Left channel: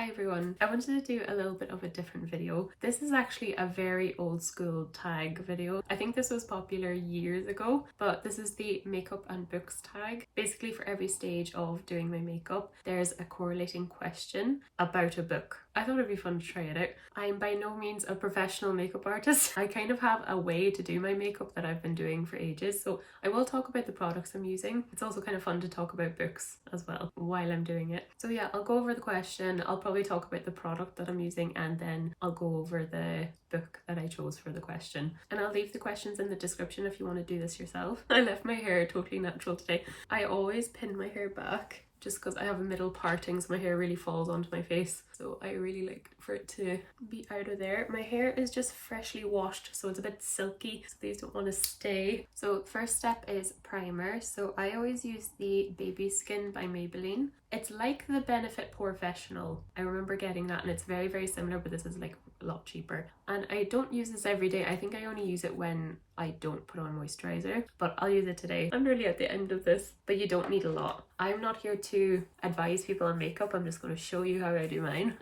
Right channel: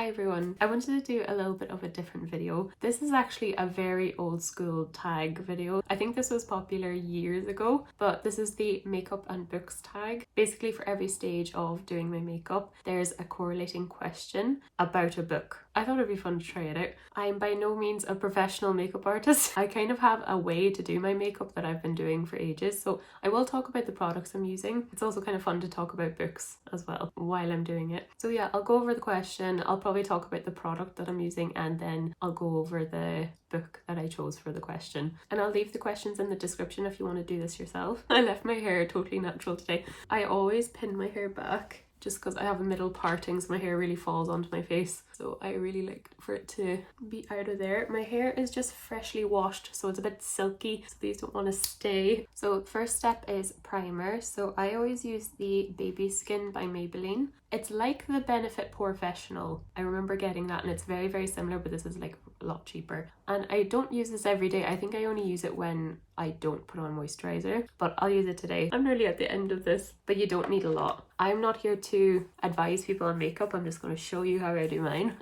Hi everyone, I wanted to do a little bit of a different video. This is actually a very old school tag video. I think this was popular years ago, but this is the makeup and books tag. Basically for every stage of doing my makeup, there's a correlating question about a book. I thought it'd be fun to try it out. I'm by no means a professional makeup artist. I kind of have a way to do my makeup that I've been doing for ages, so I will talk about the products I'm using. It's also kind of fun to talk about books as well while I'm doing it. So yeah, I'll go over the question, I'll probably talk about the product that I'm using, and then I'll go over the book that I chose for the question. And I'll leave the questions in the description if you want to do this yourself. I left my hair totally natural today. I always pin my hair back just because I have a middle parting, so my hair really falls onto my face. So I really like for it to be out of there. My hair is just freshly washed, so it's a bit silky, so these don't want to stay. So first step is primer. So I always use the Baby Skin by Maybelline. It's like the Benefit Professional. I remember getting that, and it's very, very similar, but this is like a lot cheaper. And I don't use this every day. I think I only use it when I don't put on moisturizer, but I'll use it today. I'm nearly at the end of this, but you don't need a lot. I'm not here to advise people on makeup. I'm just going to show you how I do mine.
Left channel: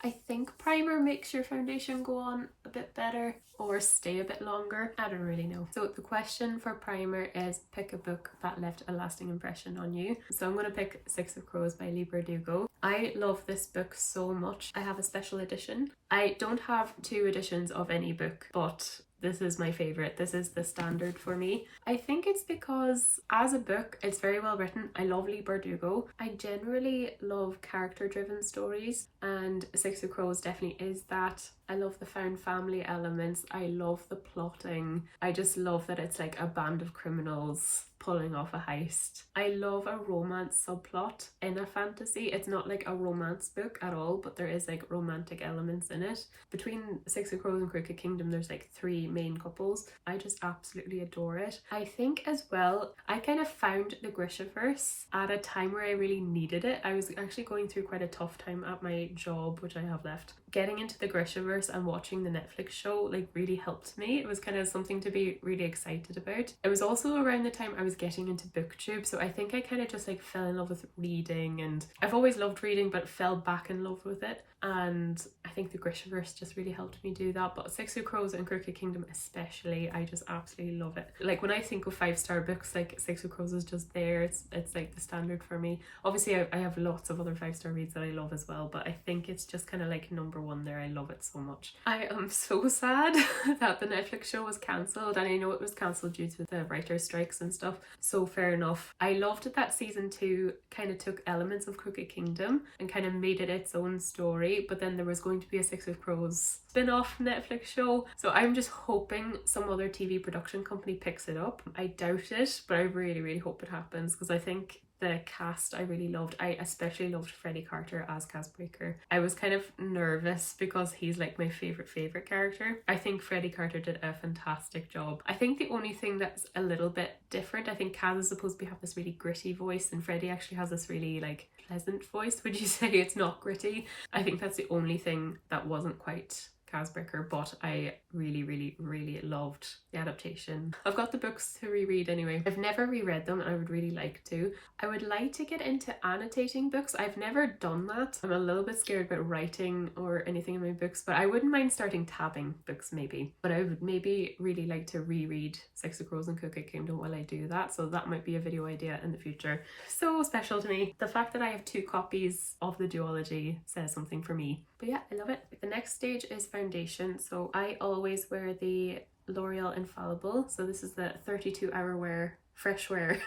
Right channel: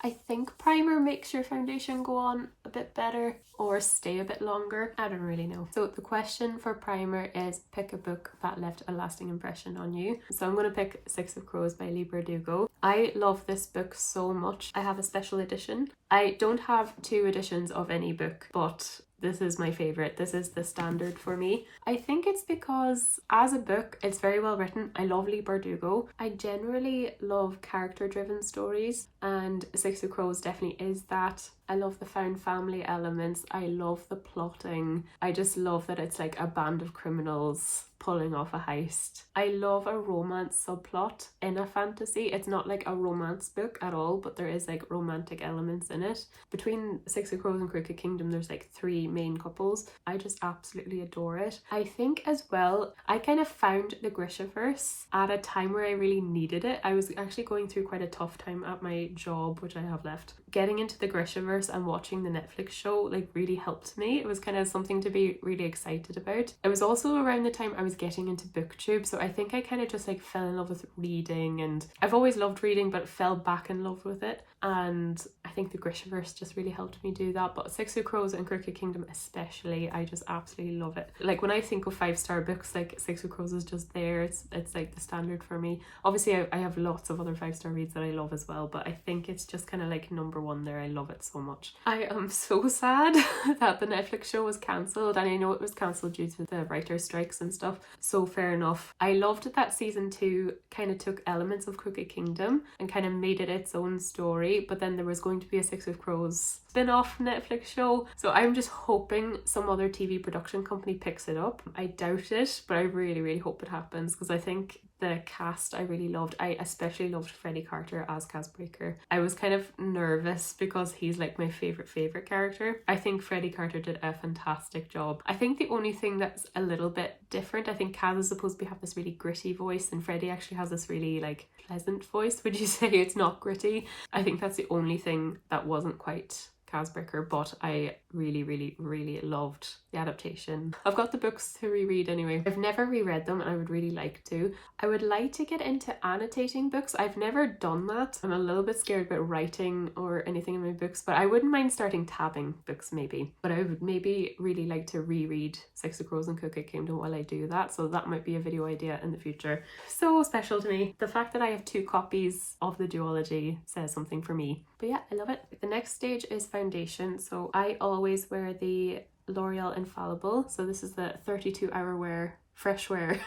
I think primer makes your foundation go on a bit better or stay a bit longer. I don't really know. So the question for primer is pick a book that left a lasting impression on you. So I'm going to pick Six of Crows by Leigh Bardugo. I love this book so much. I have a special edition. I don't have two editions of any book, but this is my favorite. This is the standard for me. I think it's because as a book, it's very well written. I love Leigh Bardugo. I generally love character-driven stories, and Six of Crows definitely is that. I love the found family elements. I love the plotting. I just love that it's like a band of criminals pulling off a heist. I love a romance subplot in a fantasy. It's not like a romance book at all, but there is like romantic elements in it. Between Six of Crows and Crooked Kingdom, there's like three main couples. I just absolutely adore it. I think as well, I kind of found the Grishaverse at a time where I really needed it. I was actually going through quite a tough time at my job, which I have left. Getting into the Grishaverse and watching the Netflix show like really helped me. It was kind of something to be really excited about. It was also around the time I was getting into booktube, so I think I kind of just like fell in love with reading, and I've always loved reading but fell back in love with it, and I think the Grishaverse just really helped me do that. But Six of Crows and Crooked Kingdom especially, I just absolutely love it. Like when I think of 5-star books, like Six of Crows is just there. It's like the standard for me. Obviously I have lots of other 5-star reads that I love as well, but I think it's just kind of like number one there. I love it so much. I am so sad that the Netflix show was cancelled, and I know it was cancelled due to the writer's strikes and stuff, so fair enough. I loved that season 2 kind of took elements of Crooked Kingdom and kind of made it its own story, but then there was going to be a Six of Crows spin-off Netflix show, so I'm just hoping some other TV production company picks it up. I doubt it, but I really, really hope it happens, because I think the cast I really loved. I especially loved Freddie Carter as Casbreaker. I was kind of nervous because he's like my favorite character. I think Freddie Carter did a fantastic job. I think the only thing that's a little bit different, I think Kaz is supposed to have this really gritty voice, and Freddie actually has this really like pleasant voice. Would you say it's not gritty? I think that's the only thing that wasn't quite Casbreaker, but I really loved the adaptation. I've got the books to reread anyway. I've never reread them, and I would really like to. I would like to get into annotating books. I've never done that. I'm a little bit scared about writing or anything in my books, but I wouldn't mind starting tabbing books maybe. But I would maybe really like to reread Six of Crows and Crooked Kingdom while I do that, so that might be a video idea in the future. So special to me. The fact that I have 2 copies of the duology says something for me. But yeah, I love it. The next stage is foundation. So I always wear the L'Oreal Infallible. So this is the 32 hour wear, fresh wear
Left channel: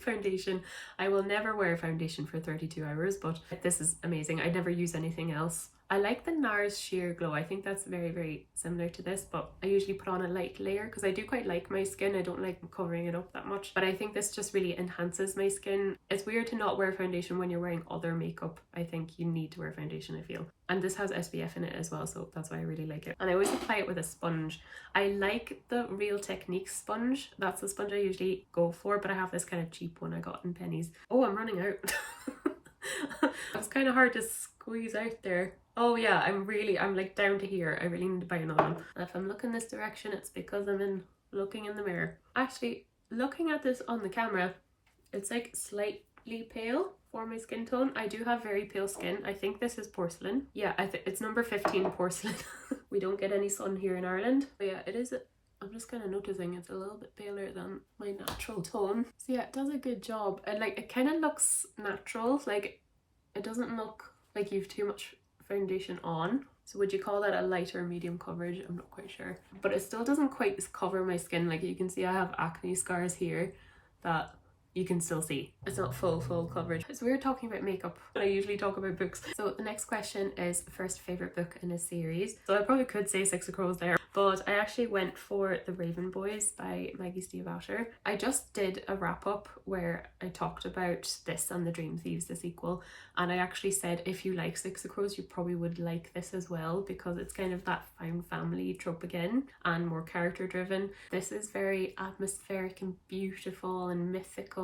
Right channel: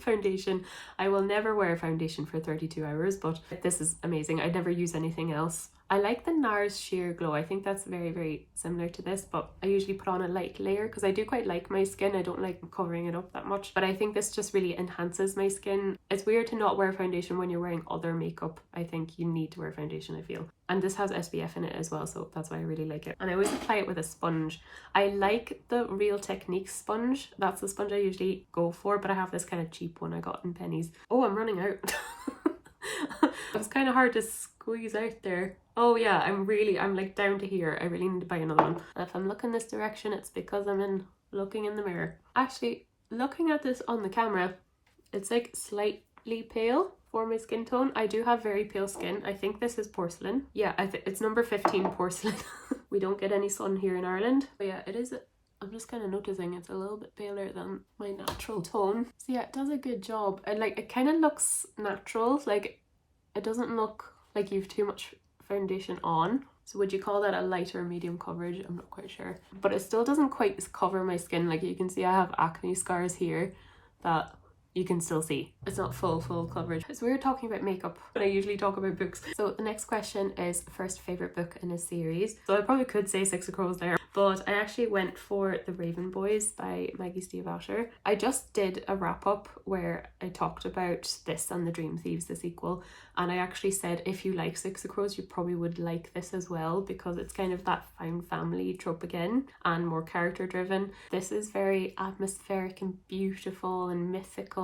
foundation. I will never wear foundation for 32 hours, but this is amazing. I never use anything else. I like the NARS Sheer Glow. I think that's very similar to this, but I usually put on a light layer because I do quite like my skin. I don't like covering it up that much, but I think this just really enhances my skin. It's weird to not wear foundation when you're wearing other makeup. I think you need to wear foundation, I feel. And this has SPF in it as well, so that's why I really like it. And I always apply it with a sponge. I like the Real Techniques sponge. That's the sponge I usually go for, but I have this kind of cheap one I got in pennies. Oh, I'm running out. It's kind of hard to squeeze out there. Oh yeah, I'm like down to here. I really need to buy another one. If I'm looking this direction, it's because I'm looking in the mirror. Actually, looking at this on the camera, it's like slightly pale. for my skin tone. I do have very pale skin. I think this is porcelain. Yeah, it's number 15 porcelain. We don't get any sun here in Ireland. But yeah, it is. I'm just kind of noticing it's a little bit paler than my natural tone. So yeah, it does a good job. And like, it kind of looks natural. Like, it doesn't look like you've too much foundation on. So would you call that a light or medium coverage? I'm not quite sure. But it still doesn't quite cover my skin. Like, you can see I have acne scars here that you can still see. It's not full coverage. So we're talking about makeup, but I usually talk about books. So the next question is first favourite book in a series. So I probably could say Six of Crows there, but I actually went for The Raven Boys by Maggie Stiefvater. I just did a wrap up where I talked about this and The Dream Thieves, the sequel, and I actually said if you like Six of Crows you probably would like this as well, because it's kind of that found family trope again and more character driven. This is very atmospheric and beautiful and mythical.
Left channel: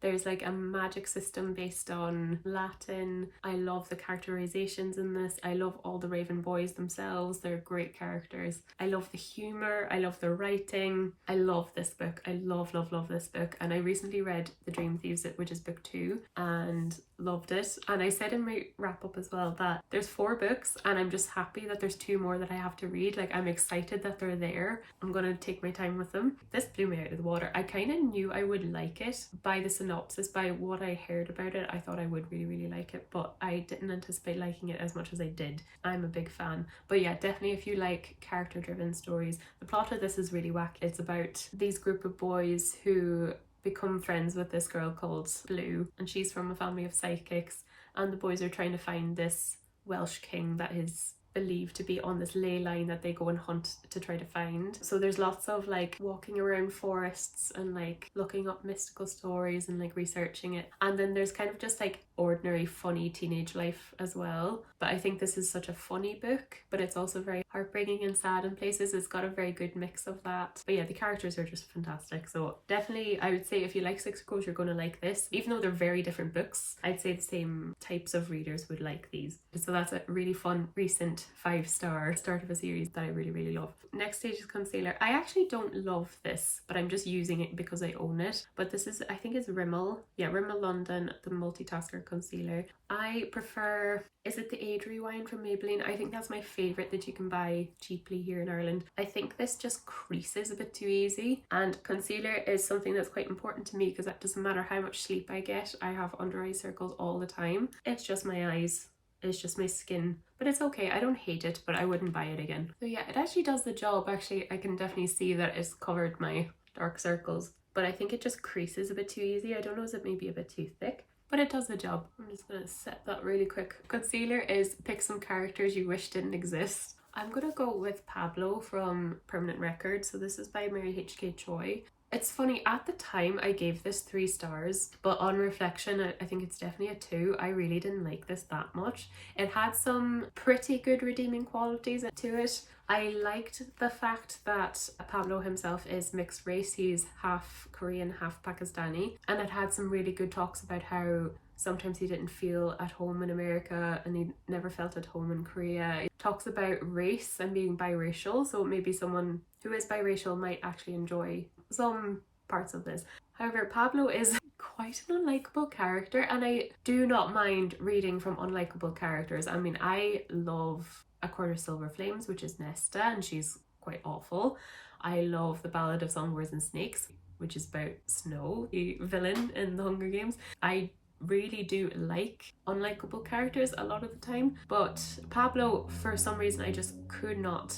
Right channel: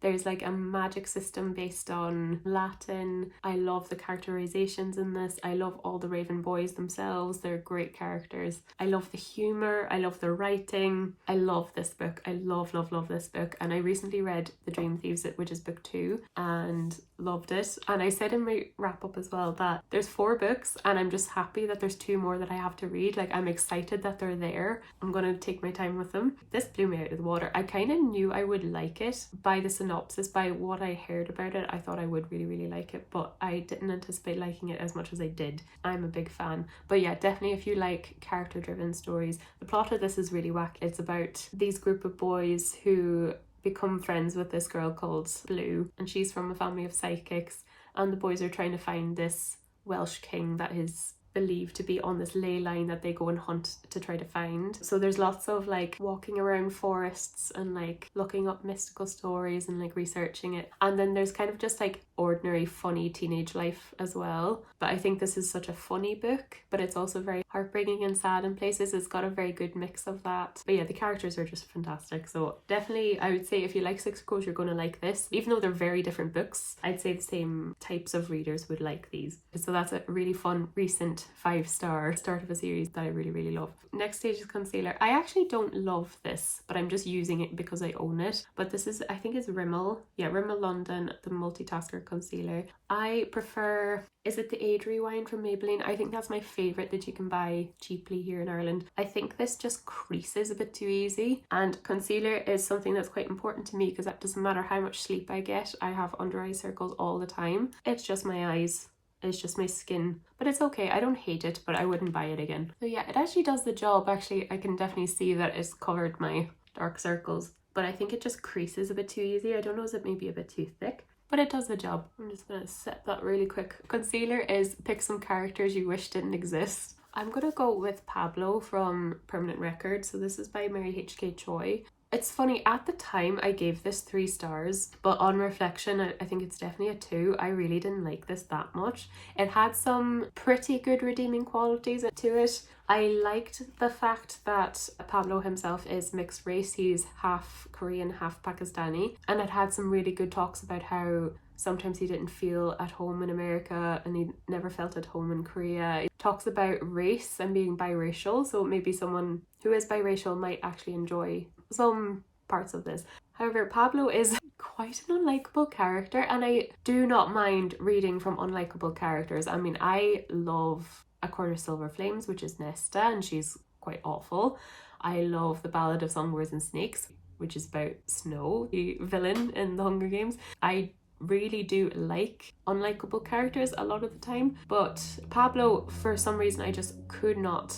There's like a magic system based on Latin. I love the characterizations in this. I love all the Raven Boys themselves. They're great characters. I love the humor. I love the writing. I love this book. I love this book. And I recently read The Dream Thieves, which is book 2, and loved it. And I said in my wrap up as well that there's 4 books and I'm just happy that there's 2 more that I have to read. Like, I'm excited that they're there. I'm gonna take my time with them. This blew me out of the water. I kind of knew I would like it by the synopsis, by what I heard about it. I thought I would really like it, but I didn't anticipate liking it as much as I did. I'm a big fan. But yeah, definitely if you like character driven stories. The plot of this is really wacky. It's about these group of boys who become friends with this girl called Blue, and she's from a family of psychics, and the boys are trying to find this Welsh king that is believed to be on this ley line that they go and hunt to try to find. So there's lots of like walking around forests and like looking up mystical stories and like researching it, and then there's kind of just like ordinary funny teenage life as well. But I think this is such a funny book, but it's also very heartbreaking and sad in places. It's got a very good mix of that. But yeah, the characters are just fantastic. So definitely I would say if you like Six of Crows you're going to like this. Even though they're very different books, I'd say the same types of readers would like these. So that's a really fun recent 5-star start of a series that I really love. Next stage is concealer. I actually don't love this, but I'm just using it because I own it. But this is, I think it's Rimmel. Yeah, Rimmel London, the Multitasker Concealer. I prefer, is it the Age Rewind from Maybelline? I think that's my favourite that you can buy cheaply here in Ireland. I think this just creases a bit too easy, and concealer is something that's quite important to me because that doesn't matter how much sleep I get. I have under eye circles all the time. It's just my eyes. It's just my skin, but it's okay. I don't hate it, but I wouldn't buy it again. So yeah, it actually does the job. Actually, I can definitely see that it's covered my dark circles, but I think it just creases a bit too easy. I don't know, is it maybe a bit too thick? But it does the job. I'm just gonna set that really quick. Concealer is pick some characters you wish didn't exist. I'm gonna go with Pablo from Permanent Record. So this is by Mary H.K. Choi. It's funny, at the time I gave this 3 stars, but on reflection I think it's definitely a 2. I really didn't like this that much. It had some pretty good redeeming qualities to it. I liked the fact that Pablo himself is mixed race. He's half Korean, half Pakistani, and it had some really good talks about how sometimes he didn't feel at home in America and he never felt at home in Korea. It talks about race and being biracial, so maybe someone who is biracial might actually enjoy some parts of this. However, Pablo is quite an unlikable character, and I do not mind reading from unlikable characters. I mean, I love A Quarter Silver Flames, which is Nesta, and she's quite awful. I love The Ballad of Songbirds and Snakes, which is about Snow, the villain in the Hunger Games. I really do like unlikable characters a lot of the time, but Pablo, for some reason, I just could not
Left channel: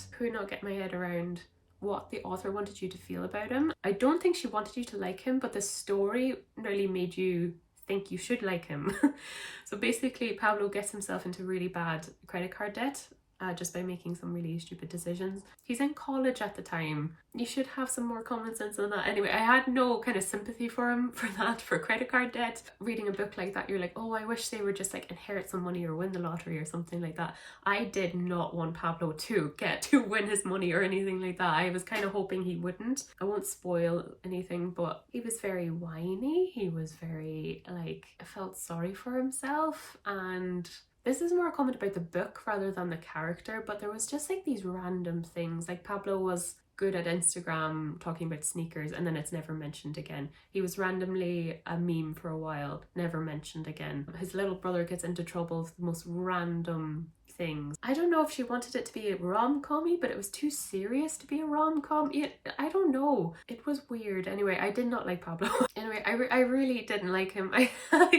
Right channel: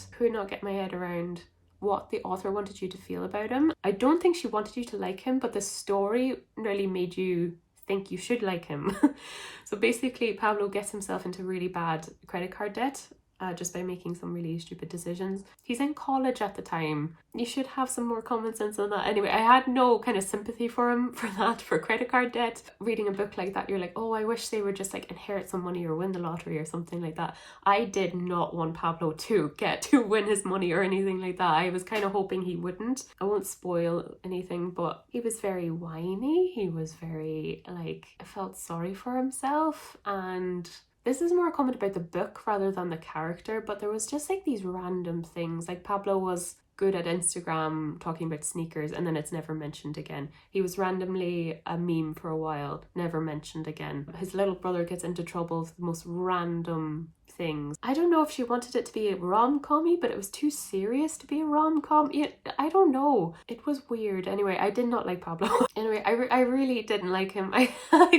get my head around what the author wanted you to feel about him. I don't think she wanted you to like him, but the story really made you think you should like him. So basically Pablo gets himself into really bad credit card debt just by making some really stupid decisions. He's in college at the time. You should have some more common sense on that. Anyway, I had no kind of sympathy for him for that, for credit card debt. Reading a book like that, you're like, oh, I wish they would just like inherit some money or win the lottery or something like that. I did not want Pablo to win his money or anything like that. I was kind of hoping he wouldn't. I won't spoil anything, but he was very whiny. He was very like, I felt sorry for himself, and this is more a comment about the book rather than the character, but there was just like these random things. Like Pablo was good at Instagram talking about sneakers, and then it's never mentioned again. He was randomly a meme for a while, never mentioned again. His little brother gets into trouble for the most random things. I don't know if she wanted it to be a rom-com-y, but it was too serious to be a rom-com. I don't know. It was weird. Anyway, I did not like Pablo. Anyway, I really didn't like him. I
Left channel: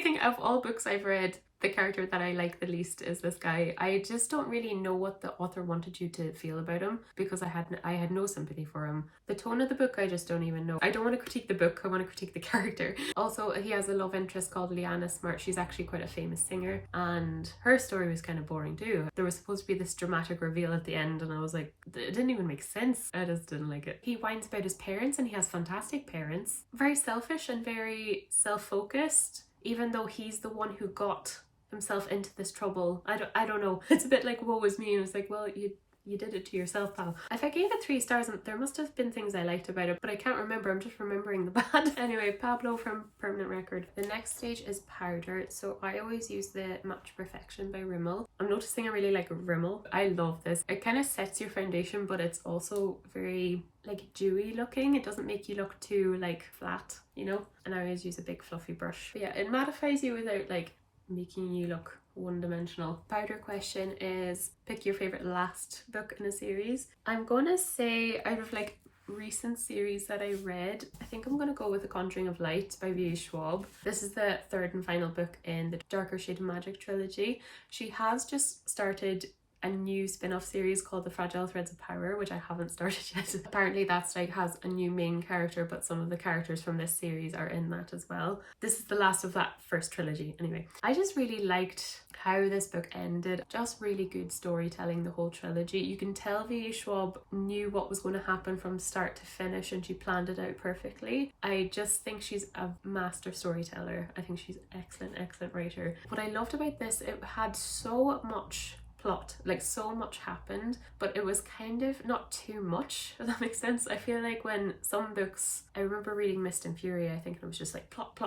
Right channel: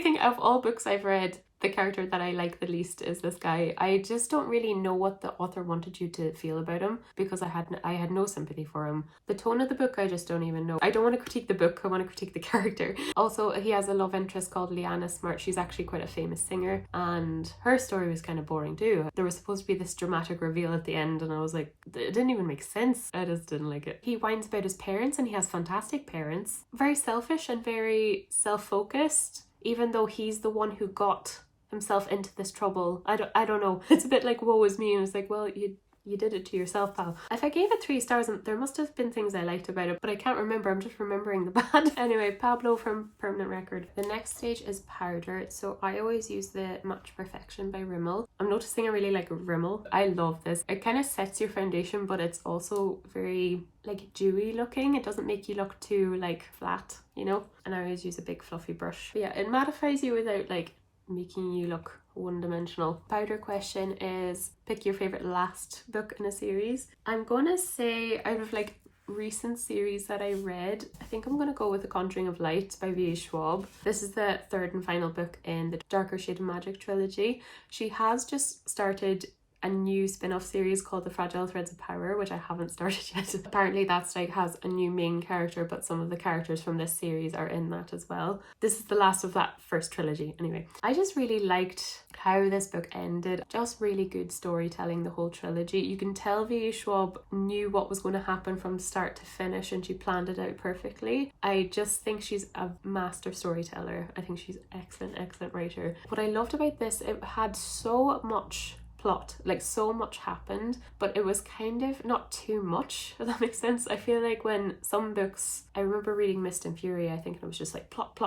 think of all books I've read, the character that I like the least is this guy. I just don't really know what the author wanted you to feel about him, because I had no sympathy for him. The tone of the book, I just don't even know. I don't want to critique the book, I want to critique the character. Also, he has a love interest called Liana Smart. She's actually quite a famous singer, and her story was kind of boring too. There was supposed to be this dramatic reveal at the end, and I was like, it didn't even make sense. I just didn't like it. He whines about his parents, and he has fantastic parents. Very selfish and very self-focused, even though he's the one who got himself into this trouble. I don't know. It's a bit like woe is me, and it's like, well, you did it to yourself, pal. If I gave it 3 stars, there must have been things I liked about it, but I can't remember. I'm just remembering the bad. Anyway, Pablo from Permanent Record. The next stage is powder. So I always use the Match Perfection by Rimmel. I'm noticing I really like Rimmel. I love this. It kind of sets your foundation, but it's also very like dewy looking. It doesn't make you look too like flat, you know? And I always use a big fluffy brush. But yeah, it mattifies you without like making you look one-dimensional. Powder question is, pick your favorite last book in a series. I'm gonna say, out of like recent series that I read, I think I'm gonna go with The Conjuring of Light by V.A. Schwab. This is the 3rd and final book in the Darker Shade of Magic trilogy. She has just started a new spin-off series called The Fragile Threads of Power, which I haven't started yet. Apparently that's like has a new main character, but some of the characters from this series are in that as well. This is the last of that first trilogy. Anyway, I just really liked how this book ended. Just really good storytelling, the whole trilogy. You can tell V.A. Schwab knew what was going to happen from start to finish, and she planned it out perfectly. I just think she's a master storyteller. I think she's excellent writer. What I loved about this, it had so much plot, like so much happened, but it was kind of not too much, if that makes sense. I feel like when some books, I remember reading Mist and Fury, I think it was just like plot,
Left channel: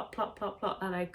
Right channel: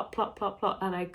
and I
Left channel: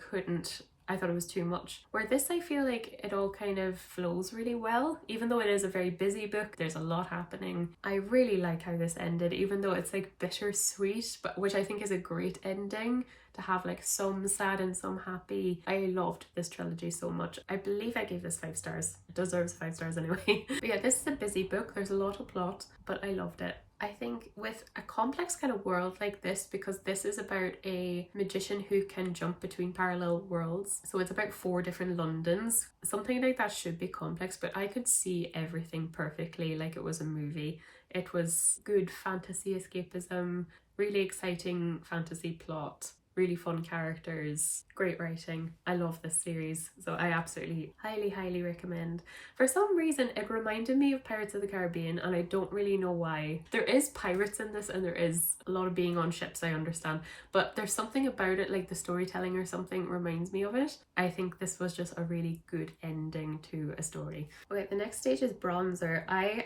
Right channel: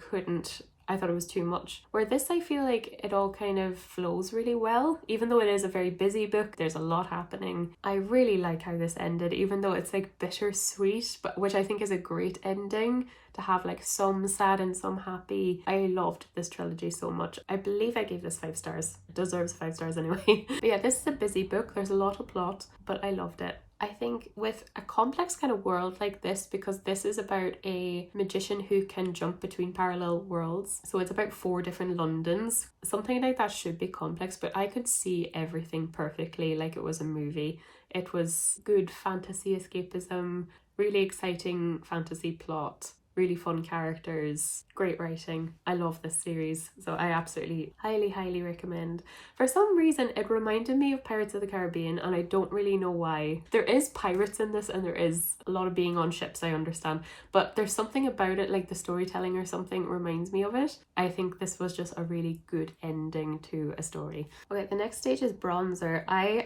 thought it was too much. Where this, I feel like it all kind of flows really well. Even though it is a very busy book, there's a lot happening. I really like how this ended, even though it's like bittersweet, but which I think is a great ending, to have like some sad and some happy. I loved this trilogy so much. I believe I gave this 5 stars. It deserves 5 stars anyway. But yeah, this is a busy book. There's a lot of plot, but I loved it. I think with a complex kind of world like this, because this is about a magician who can jump between parallel worlds, so it's about 4 different Londons. Something like that should be complex, but I could see everything perfectly like it was a movie. It was good fantasy escapism, really exciting fantasy plot, really fun characters, great writing. I love this series, so I absolutely highly recommend. For some reason it reminded me of Pirates of the Caribbean, and I don't really know why. There is pirates in this, and there is a lot of being on ships, I understand, but there's something about it, like the storytelling or something reminds me of it. I think this was just a really good ending to a story. Okay, the next stage is bronzer. I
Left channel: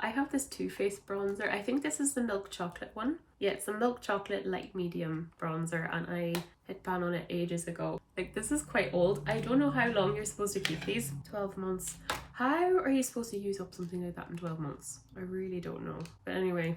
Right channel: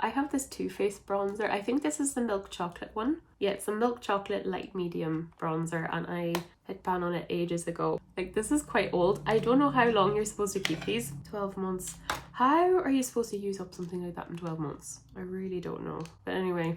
have this Too Faced bronzer. I think this is the milk chocolate one. Yeah, it's a milk chocolate light medium bronzer, and I hit ban on it ages ago. Like, this is quite old. I don't know how long you're supposed to keep these. 12 months. How are you supposed to use up something like that in 12 months? I really don't know. But anyway,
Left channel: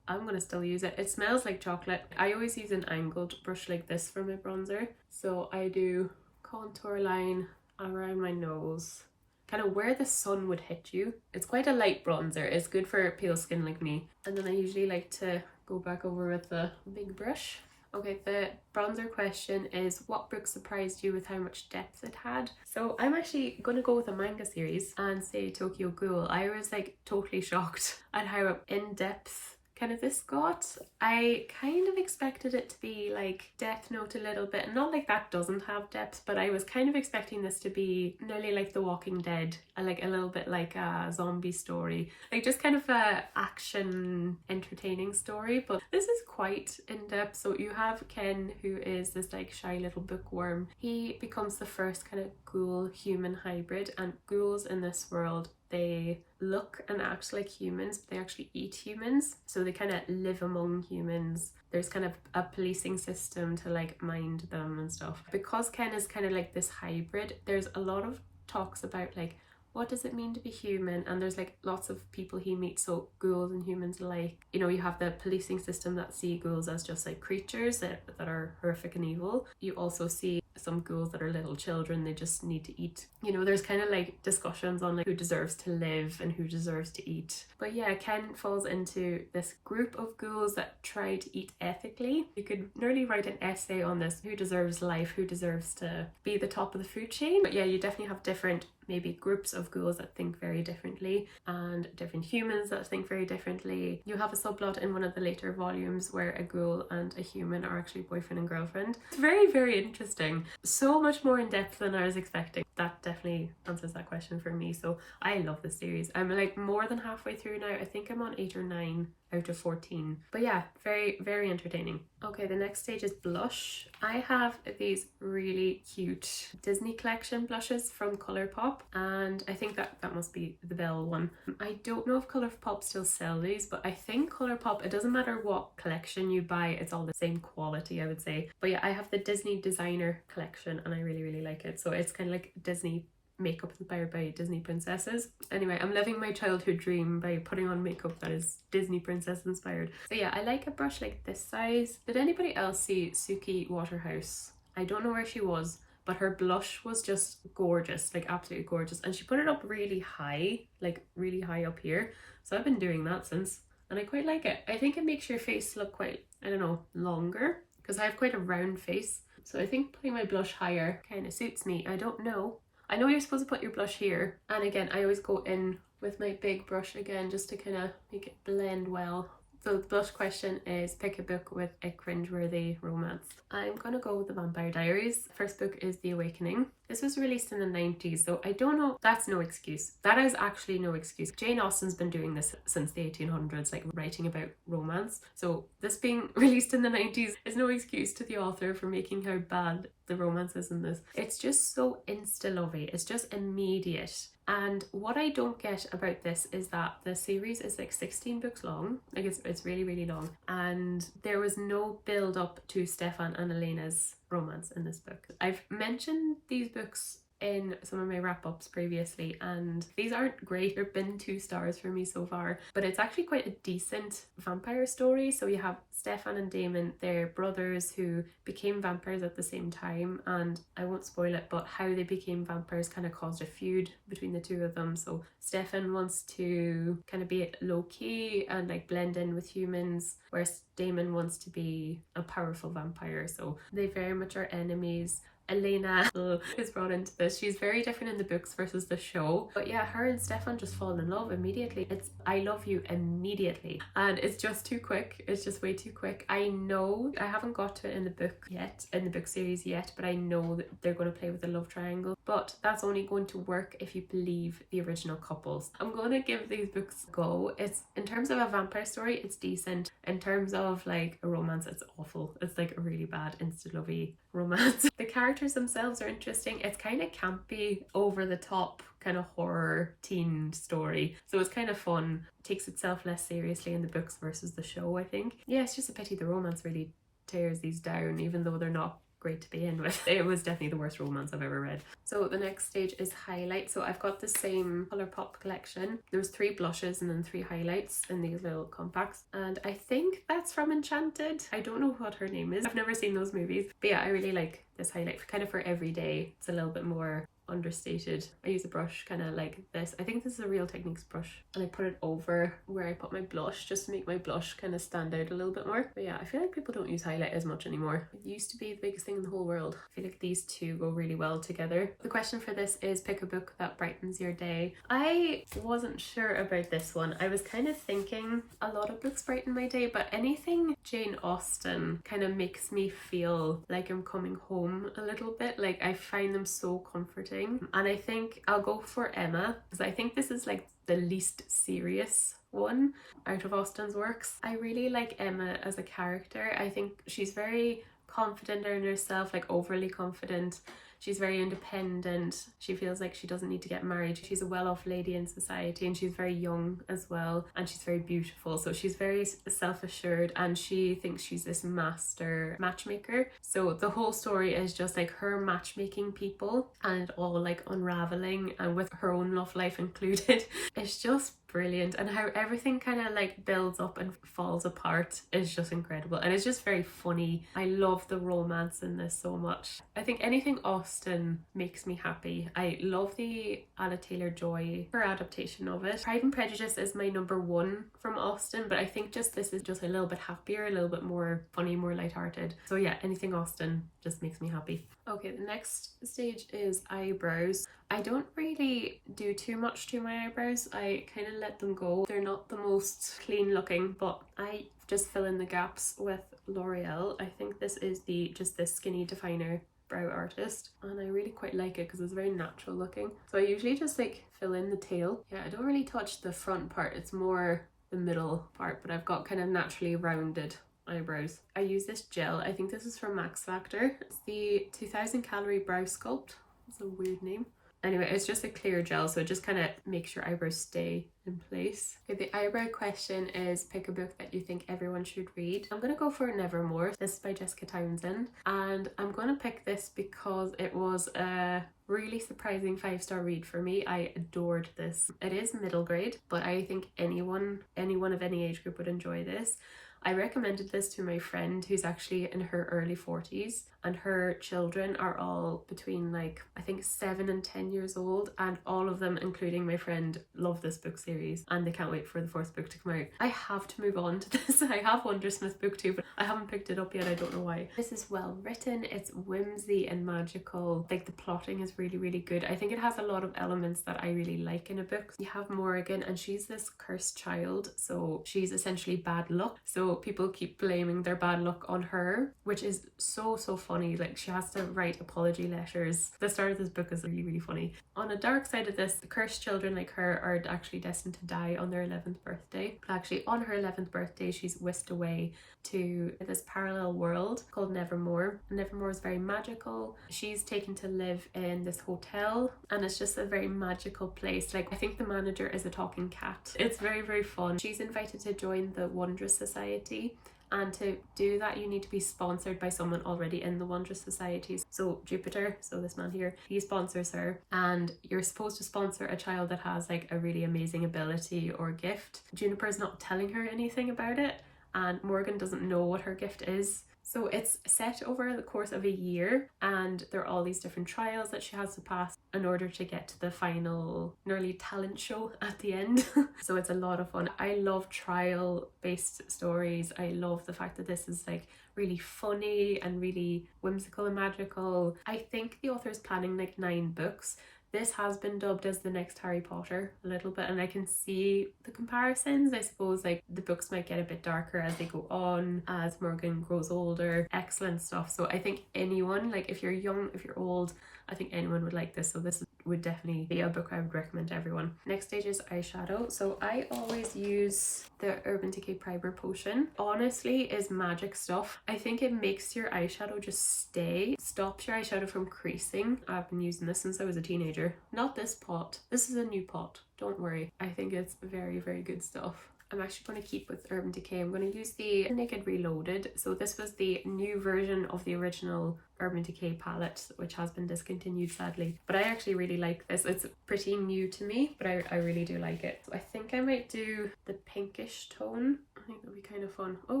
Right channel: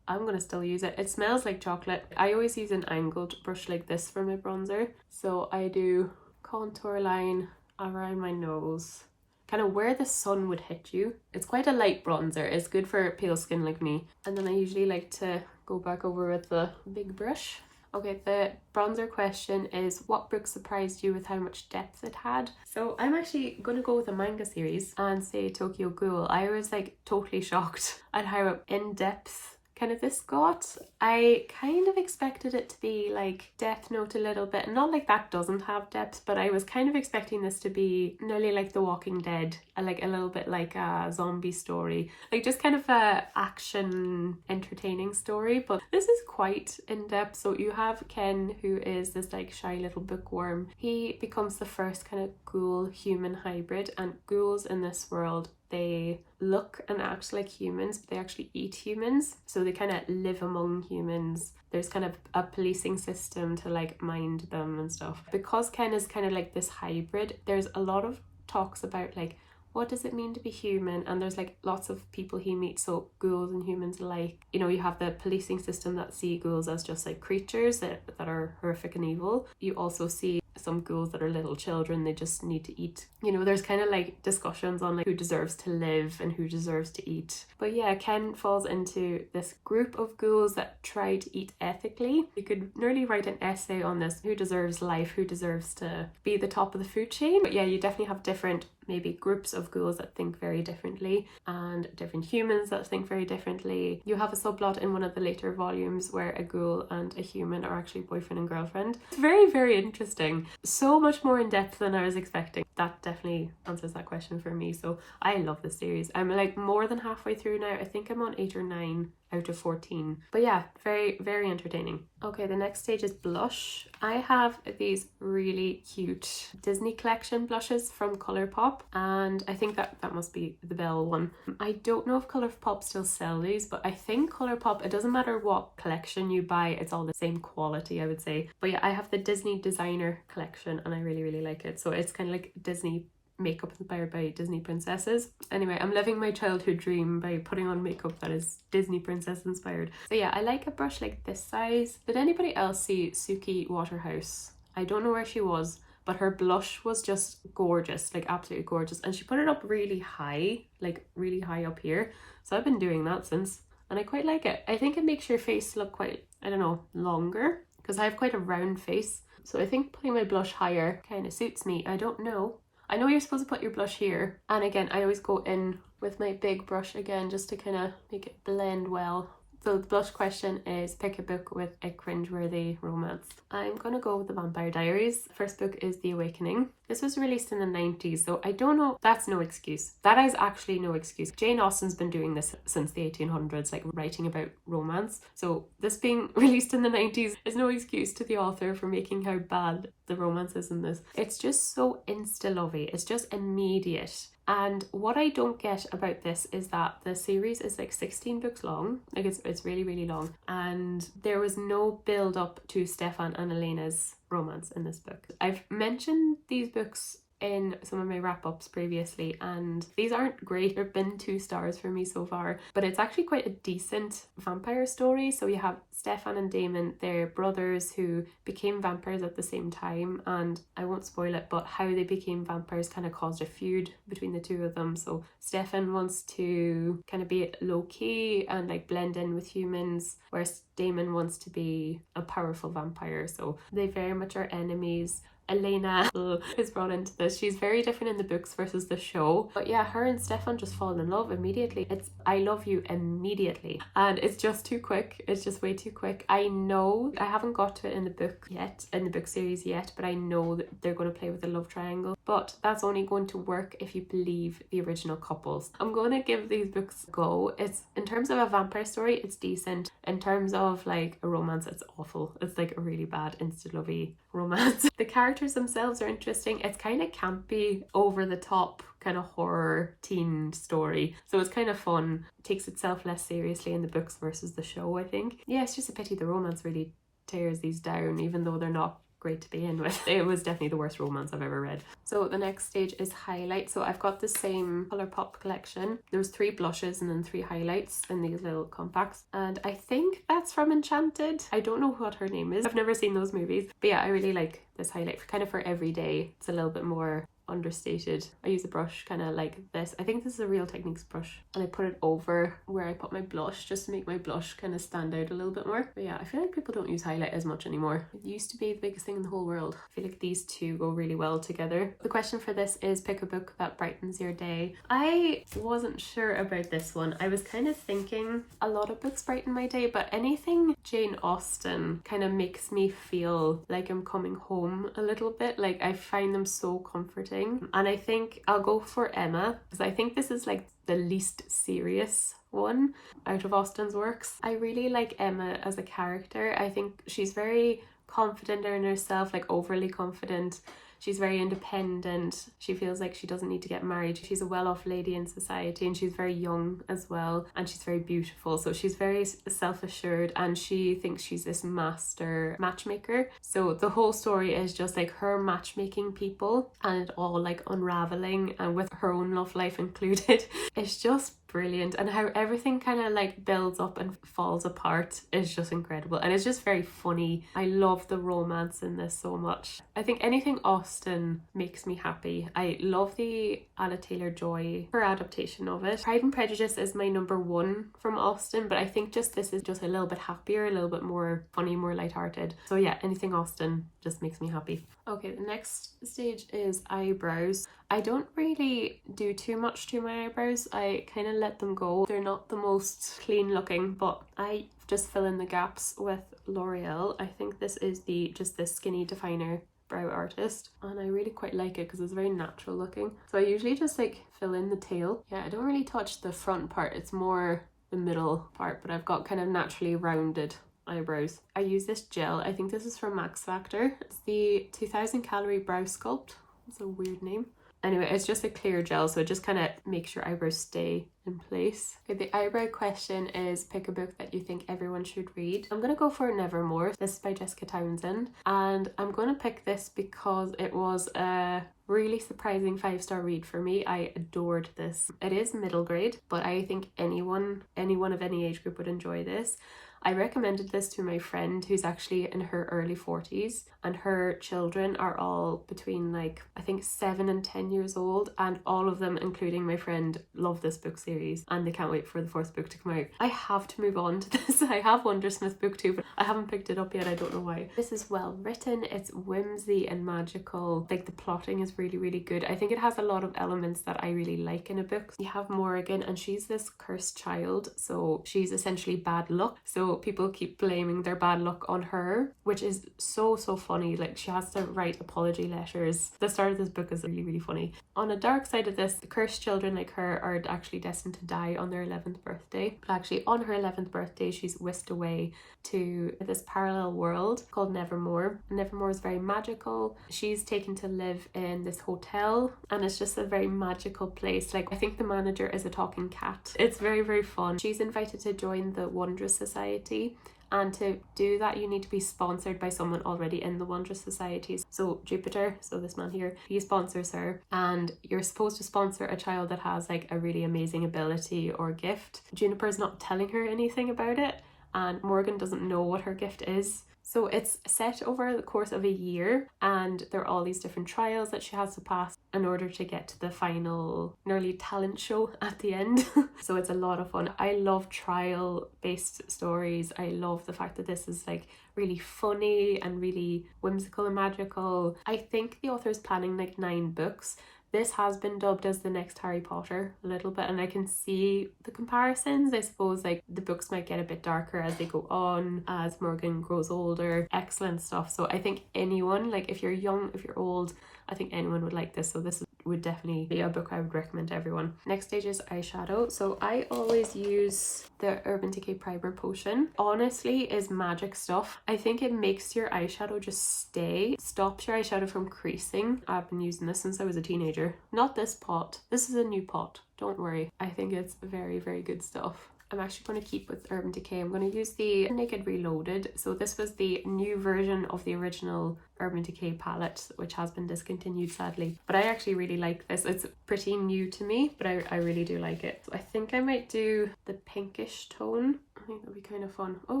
I'm gonna still use it. It smells like chocolate. I always use an angled brush like this for my bronzer. So I do contour line around my nose, kind of where the sun would hit you. It's quite a light bronzer. It's good for pale skin like me. And then I usually like to go back over with the big brush. Okay, the bronzer question is, what book surprised you with how much depth it had? So I'm actually gonna go with a manga series and say Tokyo Ghoul. I was like totally shocked at how in depth kind of this got. I kind of expected it to be like Death Note a little bit, not like that doesn't have depth, but I was kind of expecting this to be nearly like The Walking Dead, like a little bit like a zombie story, like just kind of a action entertaining story. But this is quite in depth. So you have Ken, who is this like shy little bookworm. He becomes the first kind of ghoul human hybrid, and ghouls in this world, they look and act like humans, but they actually eat humans. So they kind of live among humans. There's kind of a policing system to like mind them and stuff. Because Ken is kind of like this hybrid, there's a lot of talks about like what does it mean to be human? And there's like lots of people he meets, so ghouls and humans alike. You know, you have the policing system that see ghouls as just like creatures that are horrific and evil. You also see some ghouls that are little children, they just need to eat. You know, there's kind of like discussions on like who deserves to live and who deserves to eat. But yeah, Ken falls into this group of ghouls that try to eat ethically. You could nearly write an essay on this, who deserves life, who deserves to be the top of the food chain. But yeah, you definitely have different maybe groups of ghouls that think very differently and different humans that think very differently. You have a subplot in one of the later volumes where a ghoul and a human are actually boyfriend and girlfriend. It's very, very interesting. So much more in depth than I was expecting. That definitely answers that question for me. So I love this series. I'm like more than halfway through now. I think I'm on 8 or 9 out of 14. But yeah, very, very entertaining. Okay, the next stage is blush. I have these really cute Disney collection blushes from Colourpop, and I think that must be the Belle one. I don't know if Colourpop still sell these, but I think Colourpop, it doesn't matter what collection you buy, it's all the same quality, I would say. But yeah, I have the Disney designer collection and I really, really like it. So it's kind of like Disney makeup inspired by Disney princesses. Anyway, I'm living my childhood dream by putting on makeup that is Disney princess inspired. So yeah, I like a brush like this size. Did anybody else see Suki Waterhouse? I don't know where she was, but her blush was just gorgeous, like absolutely gorgeous. And she put it up really high, like really high up here. So I've been doing that since, and I quite like it. I think it makes your face look quite, I don't know, longer, because I have quite a round face. So I think putting my blush higher kind of suits me. I don't know. I know you're supposed to put your blush here. And again, I always go in with my big brush again, just to kind of make it blend well. So the blush question is pick a book with a cringeworthy romance. I'm gonna go with The Vampire Diaries. First book is The Awakening. This was released in the 90s, so I don't know, that's no excuse. That is actually no excuse. Jane Austen's been doing this since the 1800s, like writing about romance. So this being released in the 90s is no excuse to the author for making how bad the romance is in this. It's just so insta-lovey, it's just immediate. And what I don't get about this is that the series is like 16 books long, like it's really, really long. And there was no build up to Stefan and Elena's romance in this book. I've mentioned these books in some of my wrap-ups previously, and these aren't great. They've been 2 stars for me so far, but it's actually quite a decent vampire story. So you have Stefan and Damon, they're brothers who became vampires at the same time, and I won't spoil it, but how they became vampires kind of caused a feud between the two of them. So Stefan wants to kind of be low-key and like blend in with humans, whereas Damon wants to be a powerful vampire. So they very much are enemies. Elena is brought into this. She's very different in the books versus the show. But yeah, her and Stefan just fall in love immediately. It's I love you immediately. And it's just too quick. It's just way too quick. I know I haven't got to it in the book yet, in the book series yet, but I know that they're going to play with the love triangle. But that's only going to work if you believe the original couples. I'm going to give these books a go. It's, in terms of a vampire story, it's decent. In terms of like a romance, it's awful. It's like a really bad insta-lovey romance. The characters themselves are interesting. It's kind of campy, over the top kind of horror teen story, so it's kind of fun. It takes itself less seriously in the books versus the show, I think. Yeah, it's just a pity the romance really tears these down, even though they're not great to begin with. It was definitely the worst romance I've ever read. So the next stage is highlight. So I've got the same Colourpop collection. There's 3 blushes and then 3 highlights in these little compacts, and I think that's from Enchanted. I don't know what her name is. I've never seen those movies, but yeah, I really like this highlight kind of for every day. It's a little bit more understated. I use a brush kind of like this. I think this is a Real Techniques brush, and I put it over where I put my blush just to make my blush kind of stand out a little bit more. But yeah, I feel like people don't use highlight as much anymore. It used to be the biggest thing in the whole world. I feel like these two go really well together. The question for this is pick a book that brightens your day. I wasn't sure about this one. I was kind of thinking a lot of books brighten my day, but anything Jane Austen kind of makes me feel like I'm coming home a little bit. Like I find them so comforting. And I think I'll go for Emma, because I think this is like the least serious one out of Austen's works. I really like Emma as a character. I think she's very confident in herself, like overly confident. She's very independent. She feels like she doesn't need to get married. She's a well-off lady in society, and she's very young as well, and she's very beautiful. So she's very self-assured, and she thinks she's this master matchmaker. So the whole story is just like her matchmaking people and it all like unraveling, and with her own love life included. It's just brilliant, and how everything kind of like builds up and falls apart is just incredible, and it's just very funny. I love the romance in this so much. I think anything Austen makes me happy. I love the Anna Taylor-Joy, her adaptation of it. Pride and Prejudice is my number one from Austen, but I think just this is just a little bit happier, a little bit more funny, more lighthearted. So yeah, anything Austen just makes me happy. Okay, the next stage is eyebrows. I don't really do too much to my eyebrows. I kind of let them go. They're not the most clean looking, but I just fill in the gaps with L'Oreal. I think this is just this Skinny Definer Brow Artist, and I really quite like it because it's very natural looking. So I usually just like fill in the tail. Yeah, I don't really touch the front part. It's more the middle part, but I've got kind of naturally rounded eyebrows. I use this gel. I think this is from Max Factor. It's the 2000 calorie brow sculpt. It's a weird name. Anyway, it's just a clear gel, so it just kind of makes your eyebrows stay in place. Okay, the eyebrow question is pick a book that you think everyone should read. I'm gonna go for Nevermore. This is by Jessica Townsend, and I'm gonna pick this because it was a really surprising 5-star read for me. I adored this. It is middle grade, but I think anyone of any age group would enjoy this. I recommended this to my friend who's actually in her early 40s, and her children are all between like I think 7 and 10 years old, and all of them, including my friend, love this book series and they can't wait for the 4th book to come out. I have to move on to this. I have Wondersmith booktube, but I haven't picked it up yet. I don't know why. This is well written. It's whimsy and magical. Like the plotting is really, really good. I think it has a lot of elements that I really like in a book. You have Morgan, and she's this cursed child, so she's essentially bad luck. So people keep blaming their bad luck on her, which is so funny. Like she has to write apology letters. The start of this book is really, really funny. On a dark side of this, the cursed children like her are actually destined to die on their 11th birthday. But actually on her 11th birthday, she's whisked away to this parallel world called Nevermore. Nevermore is very magical. She's taken to live in this hotel, and it's just a very magical place. Like I think the manager is a talking cat. It's very, very fun. She's invited to join the Wondrous Society, and to do that you need to be sponsored by someone already in the Wondrous Society. So Jupiter, so this man here, he sponsors her, and you're supposed to sponsor a child that has like a really amazing ability or gift. Juniper's not telling her anything about it, and Morgan doesn't know what her gift is. So it's set over the course of a year, and there are all these different trials that she has to pass in order to get to the final nearly talent show at the end. So it's a lot of fun. I love trial based stories. I love the fact that this is like really funny and really whimsical and magical. I think the author is planning like 9 books. This has been dubbed as the next Harry Potter a little bit, and I can see the comparisons. I suppose like the books might get a bit darker as they go on, as Morgan grows older. Excellent stuff. So I think anyone, like if you're young, if you're old, I think anyone would like this. So this would definitely be a book I would recommend to everyone. Next stage is eyeshadow. So I always use the Urban Decay Primer Potion. Honestly, is magic stuff. I think it makes your eyeshadow just stay, stops your eyeshadow from creasing. I've been using this since I was a teenager. Not this pot. This is a new pot. Don't worry. I think it's very, very good stuff. I'm actually going to keep with Urban Decay. I'm going to use the Naked Reloaded. So this was the new version of the original Urban Decay palette, which has been discontinued sadly. But I actually really like this. It's pretty new to me, but I really do like it. So I think I might do the pinkish tone. I think that'd be kind of fun. Oh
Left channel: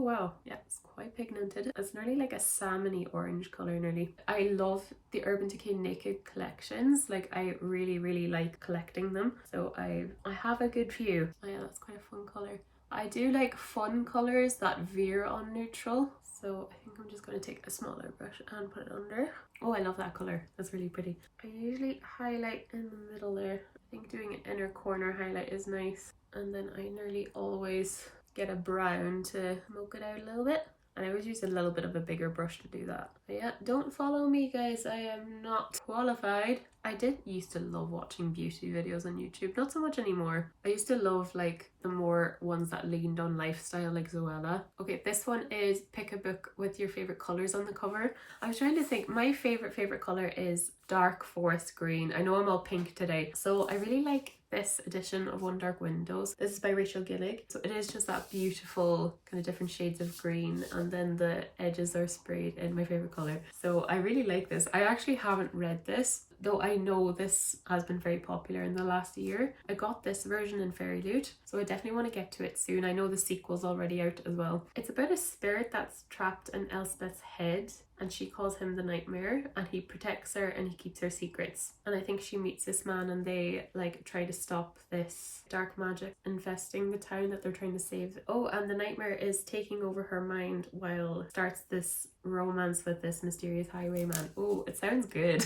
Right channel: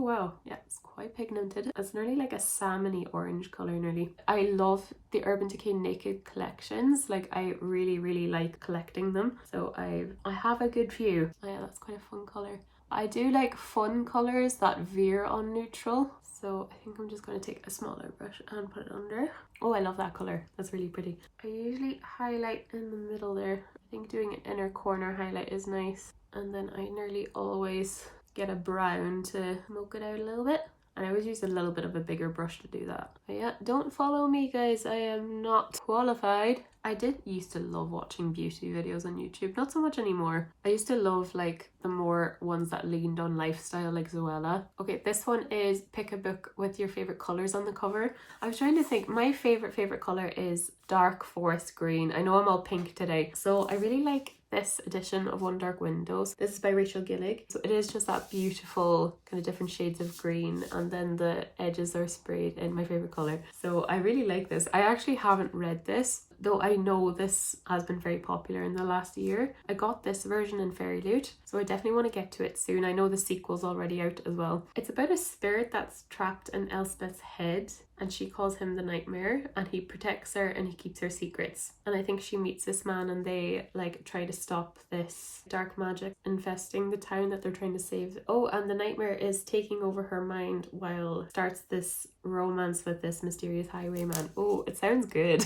wow, yeah, it's quite pigmented. It's nearly like a salmony orange colour nearly. I love the Urban Decay Naked collections. Like I really, really like collecting them. So I have a good few. Oh yeah, that's quite a fun colour. I do like fun colours that veer on neutral. So I think I'm just going to take a smaller brush and put it under. Oh, I love that colour. That's really pretty. I usually highlight in the middle there. I think doing an inner corner highlight is nice. And then I nearly always get a brown to smoke it out a little bit. and I always use a little bit of a bigger brush to do that. But yeah, don't follow me guys, I am not qualified. I did used to love watching beauty videos on YouTube, not so much anymore. I used to love like the more ones that leaned on lifestyle, like Zoella. Okay, this one is pick a book with your favorite colors on the cover. I was trying to think, my favorite color is dark forest green. I know I'm all pink today, so I really like this edition of One Dark Windows. This is by Rachel Gillig. So it is just that beautiful kind of different shades of green, and then the edges are sprayed in my favorite color. So I really like this. I actually haven't read this, though I know this has been very popular in the last year. I got this version in Fairy Loot, so I definitely want to get to it soon. I know the sequel's already out as well. It's about a spirit that's trapped in Elspeth's head, and she calls him the Nightmare, and he protects her and he keeps her secrets. And I think she meets this man and they like try to stop this dark magic infesting the town that they're trying to save. Oh, and the Nightmare is taking over her mind while starts this romance with this mysterious highwayman. Oh, it sounds good.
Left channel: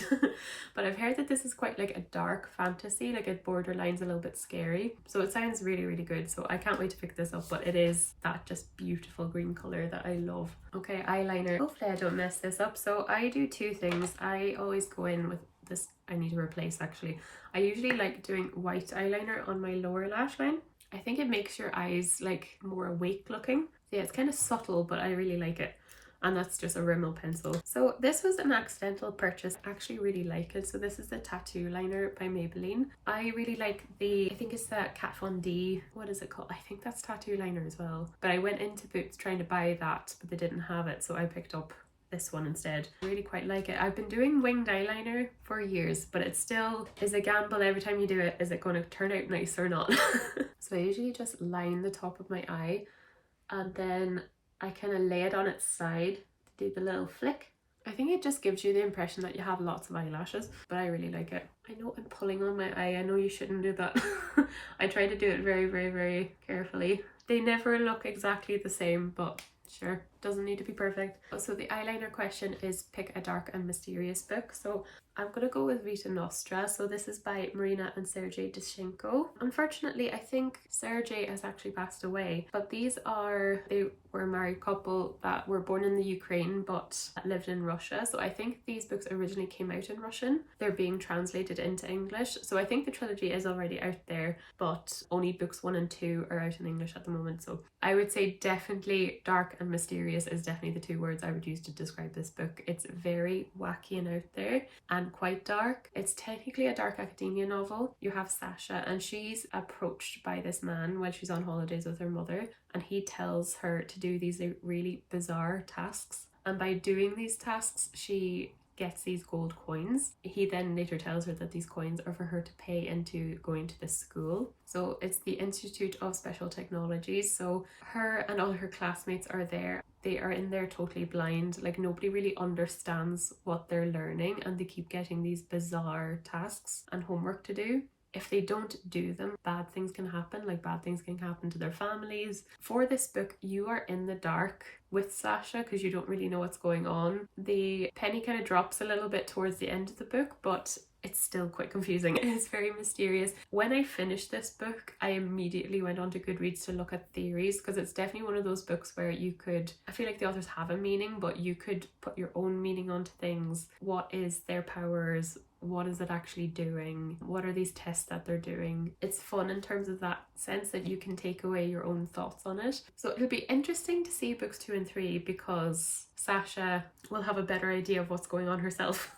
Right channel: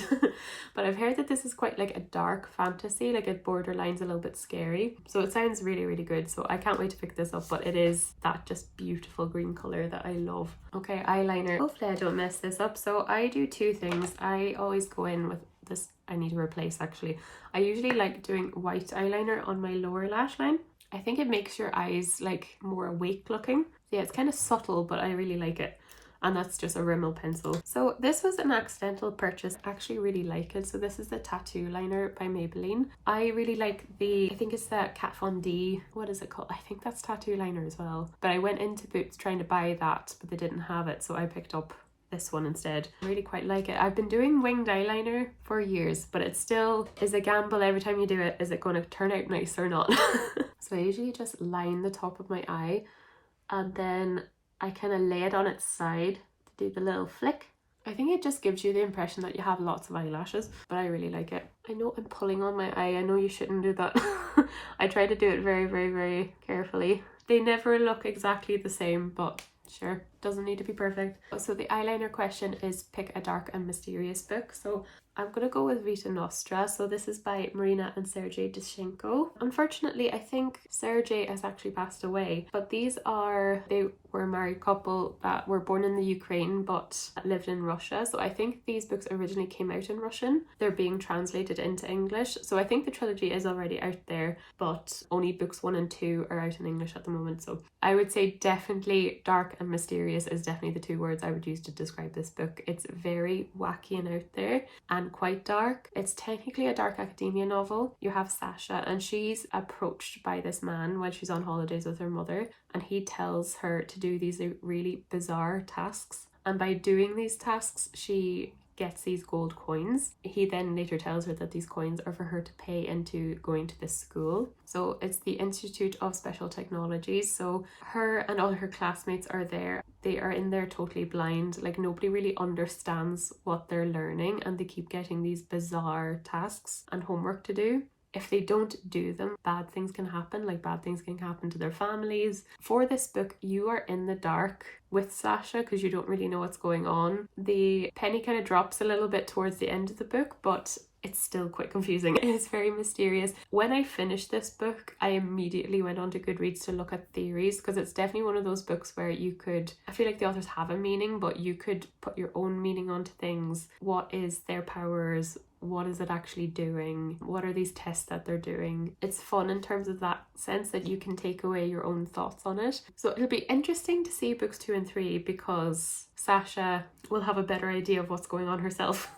But I've heard that this is quite like a dark fantasy, like it borderlines a little bit scary. So it sounds really good. So I can't wait to pick this up, but it is that just beautiful green color that I love. Okay, eyeliner. Hopefully I don't mess this up. So I do two things. I always go in with this, I need to replace actually. I usually like doing white eyeliner on my lower lash line. I think it makes your eyes like more awake looking. Yeah, it's kind of subtle, but I really like it. And that's just a Rimmel pencil. So this was an accidental purchase. I actually really like it. So this is the Tattoo Liner by Maybelline. I really like the, I think it's the Kat Von D, what is it called? I think that's Tattoo Liner as well. But I went into Boots trying to buy that, but they didn't have it. So I picked up this one instead. I really quite like it. I've been doing winged eyeliner for years, but it still is a gamble every time you do it. Is it going to turn out nice or not? So I usually just line the top of my eye, and then I kind of lay it on its side to do the little flick. I think it just gives you the impression that you have lots of eyelashes, but I really like it. I know I'm pulling on my eye. I know you shouldn't do that. I try to do it very carefully. They never look exactly the same, but sure, doesn't need to be perfect. So the eyeliner question is pick a dark and mysterious book. So I'm gonna go with Vita Nostra. So this is by Marina and Sergei Dushenko. Unfortunately, I think Sergei has actually passed away, but they were a married couple that were born in the Ukraine but lived in Russia. So I think these books originally came out in Russian. They're being translated into English. So I think the trilogy is already out there, but only books 1 and 2 are out in English at the moment. So I would say definitely dark and mysterious is definitely the two words I would use to describe this book. It's very wacky and out there and quite dark. It's technically a dark academia novel. You have Sasha, and she's approached by this man while she's on holidays with her mother, and he tells her to do these really bizarre tasks, and by doing these tasks she gets these gold coins. He then later tells her that these coins are for her to pay into going to this school. So it's the Institute of Special Technologies. So her and all her classmates are there. They are in there totally blind, like nobody really understands what they're learning, and they keep getting these bizarre tasks and homework to do. If they don't do them, bad things can happen, like bad things can happen to their families. For this book, you are in the dark with Sasha because you don't really know what's going on. The penny kind of drops a little bit towards the end of the book, but it's still quite confusing. It's very mysterious. When I finished this book, I immediately went on to Goodreads to look at theories, because it's definitely one of those books where you could, I feel like the authors have a meaning, but you could put your own meaning onto things. What is their powers? What is it actually doing? What are these tests that they're doing? It's fun in terms of that sense that you can take away your own thoughts on it. So it'll be interesting to see books 2 and 3, because Sasha will have a better idea of what's going on herself,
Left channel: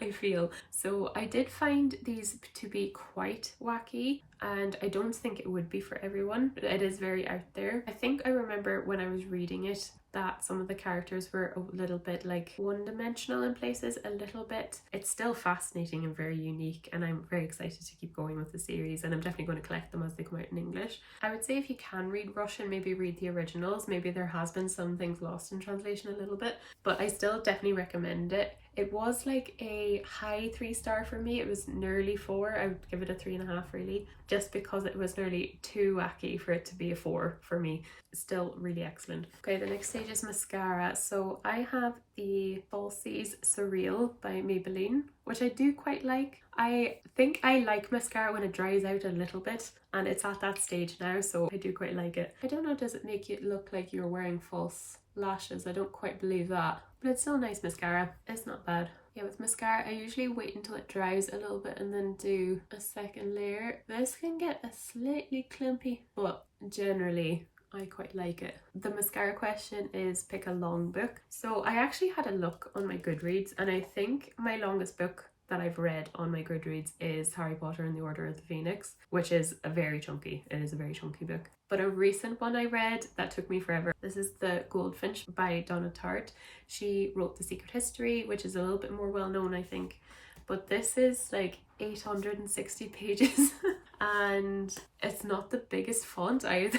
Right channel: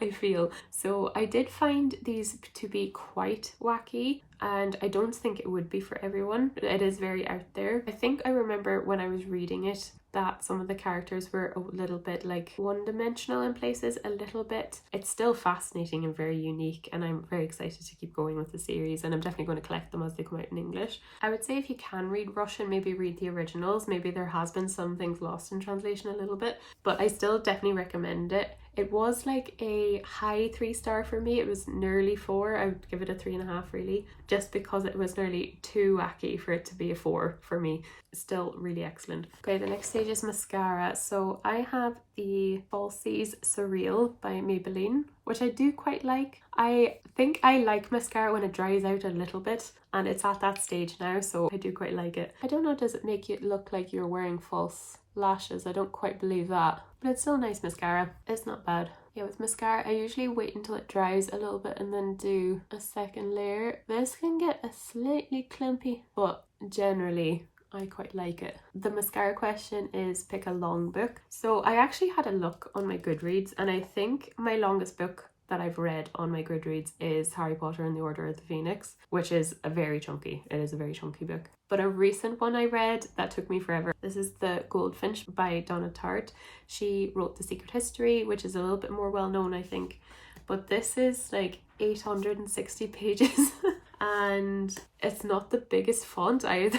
I feel. So I did find these to be quite wacky, and I don't think it would be for everyone. It is very out there. I think I remember when I was reading it that some of the characters were a little bit like one-dimensional in places, a little bit. It's still fascinating and very unique, and I'm very excited to keep going with the series, and I'm definitely going to collect them as they come out in English. I would say if you can read Russian, maybe read the originals. Maybe there has been some things lost in translation a little bit, but I still definitely recommend it. It was like a high 3-star for me. It was nearly 4. I would give it a 3.5 really, just because it was nearly too wacky for it to be a 4 for me. Still really excellent. Okay, the next stage is mascara. So I have the Falsies Surreal by Maybelline, which I do quite like. I think I like mascara when it dries out a little bit, and it's at that stage now, so I do quite like it. I don't know, does it make you look like you're wearing false lashes? I don't quite believe that, but it's still nice mascara. It's not bad. Yeah, with mascara, I usually wait until it dries a little bit and then do a second layer. This can get a slightly clumpy, but generally I quite like it. The mascara question is pick a long book. So I actually had a look on my Goodreads, and I think my longest book that I've read on my Goodreads is Harry Potter and the Order of the Phoenix, which is a very chunky. It is a very chunky book. But a recent one I read that took me forever. This is The Goldfinch by Donna Tartt. She wrote The Secret History, which is a little bit more well known, I think. But this is like 860 pages and it's not the biggest font either.